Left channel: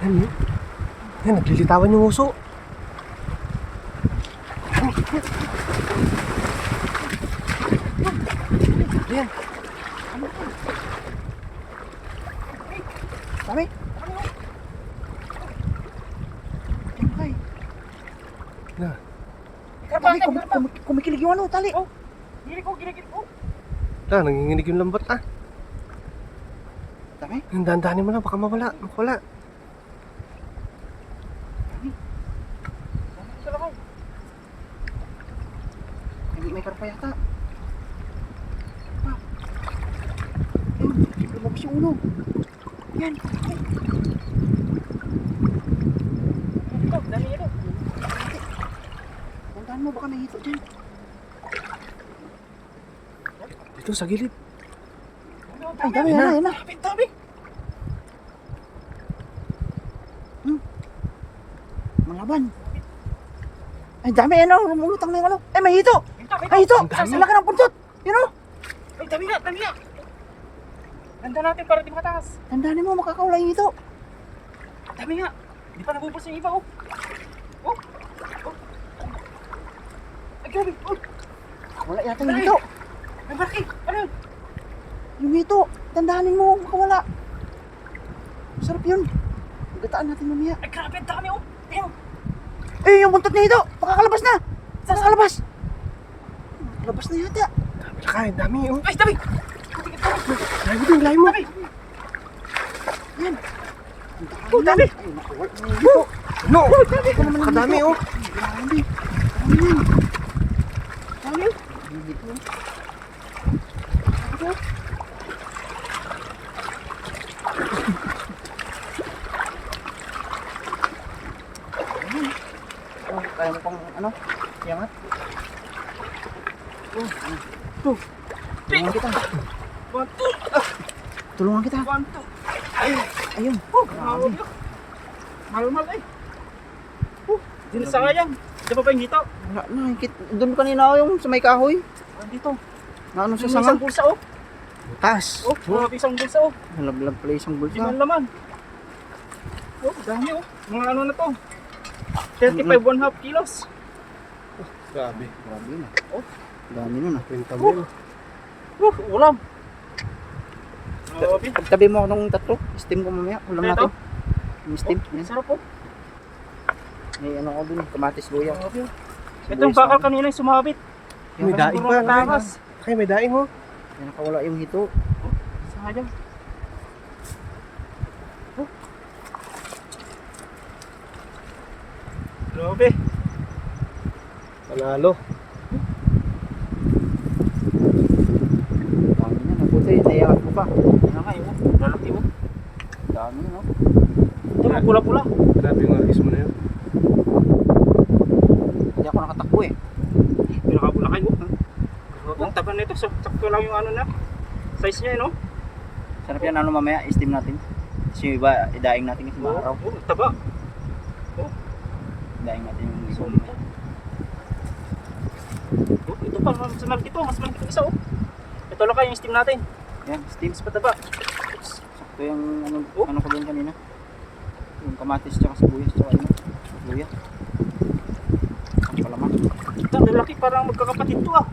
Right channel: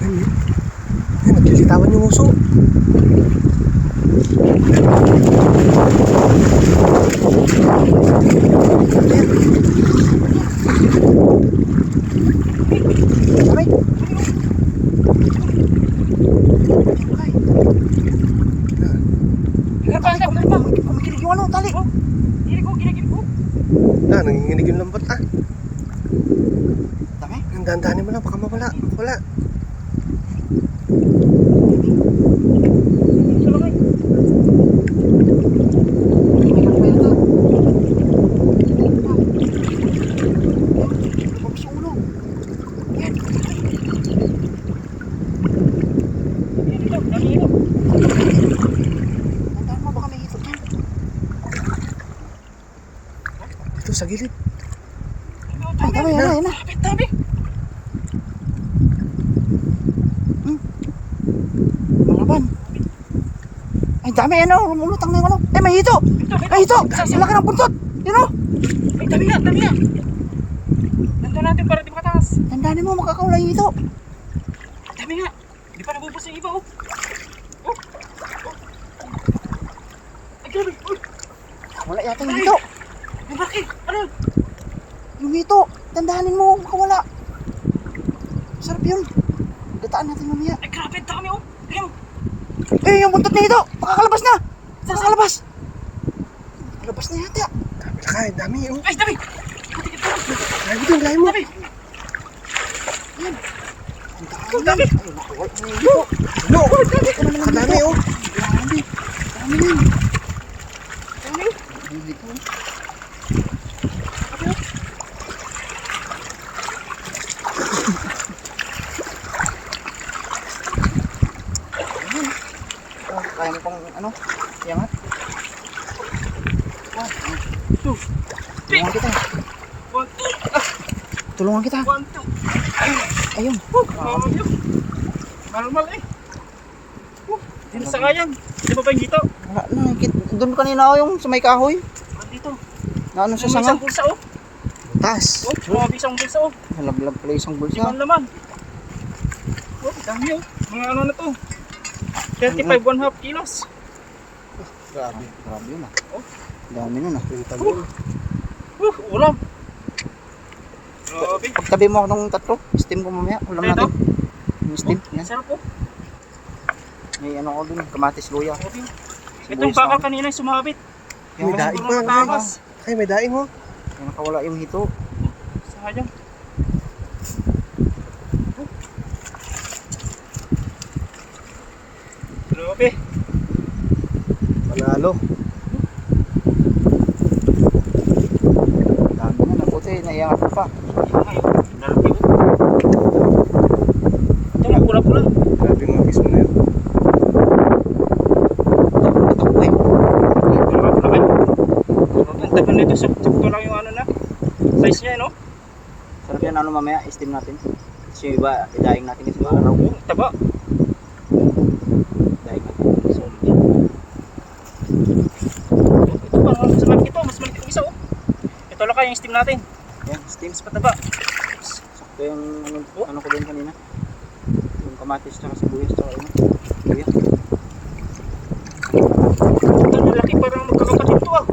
Yan, eh. Yan, naglilitawan yung uso. Yan. Aray. Garpa, garpa. Kumikilig yung ano, tali. Oh, gili ko, gili, gili ko. Ah, nanginginig yung lambat ah. Dami. Ang dandanin mo lang, baka mawala. Wala. Salakay. May garpa yata. Lumabas yung ulo. Yan. Yan ito, dami ito. Tandaan mo, baka may hito dyan. Dito sa gilid. Ay, dami, yan na, yan na. Dami, dami. Hmm. Malaban. Ay, dami, ano, rumulutang na yung ano. Ay, may hito. Ay, hito. Ang laki ng buntot. Yan o. Ay, dami nga, dami nga. Nandun natin para di makataas. Tandaan mo, makakaula yung hito. Dami nga. Di pa nabubos yung iba, oh. Oh. Oh. Ay, grabe. Oh, Wala yata yung hito. Ang laki. Ano hito. Tandaanin mo, makawala. Sarap yun. Gataan natin mamaya. Ay, grabe, ang dami, oh. Tingnan mo. Eh, yung buntot na hito. Makakalabas na. Makakalabas. Kalabas na yata. Dami na kain, dami oh. Ay, dami. Layo din, layo mo. Dami. Ang dami. Ay, nakawala na yung hito. No, Ito naman yung kadami oh. Dami. Dami yan. Dami. Hindi kaya mo pang ano? Iangat. Wow. Two. Tulungan kita. One, two. Tulungan kita. One, two. Ayun. Oh, mahal yun. Mahal-mahal, eh. Oh, Hindi sa kayang. Di ba pa yung dito? Wala na. Doon kanina ako yung sa may kahoy. Dito. Na ano sa sanga. isang bulsa, oh. Tas. Oh, grabe isang bulsa, oh. Nalaglag pala isang bulsa. Limang laman. Oh, dami, oh. Mga ano na to. 35 one half kilos. Grabe. Grabe yun ah. Oh. Dami nun ah. Tabi. Uh, ulam. Grabe. Pagtabi mo ako ng tatlo, steam ko mamaya. Ulam Ito? natin. Yung steam. Oh, Yan. sarap, oh. May ano ko dun, kamatis luya. Grabe. Ito Sibuyas yung bakal na. kanina yung sumabit. May daing pa. Ay, may daing oh. Yan nakawala yung hito. Sayang. Oh. Grabe. Panalo. Dami na, naputi. Naiyangat ko pa. Ito, may pula-pula. Grabe yung agis mo na yun. Takbo na takbo eh. Taban nito, sakto lang yung ano na. Size niya, no? Sarap yan ano mamaya, steam natin. Kasi iba, idaing natin kasi maaraw. Oh, taba. Idaing natin. Solid yan. Oh, ito parang mas malaki ito, mas malaki itong isa, oh. Ito lang yung steam natin. Yan, steam. Mas pataba. Sakto yung ano, Oh. ano ko din kanina. Yung kamatis tsaka sibuyas tsaka ano. Luya. Ito, lalaki parang magkakapatid to, ah.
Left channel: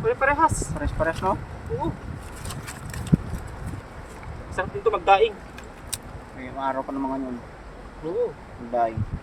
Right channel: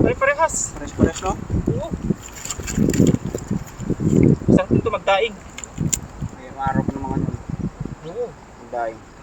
Pare-parehas. Pares-pares no? Oo. Isang tinto magdaing. May maaraw pa ng mga ano. Oo. Ang daing.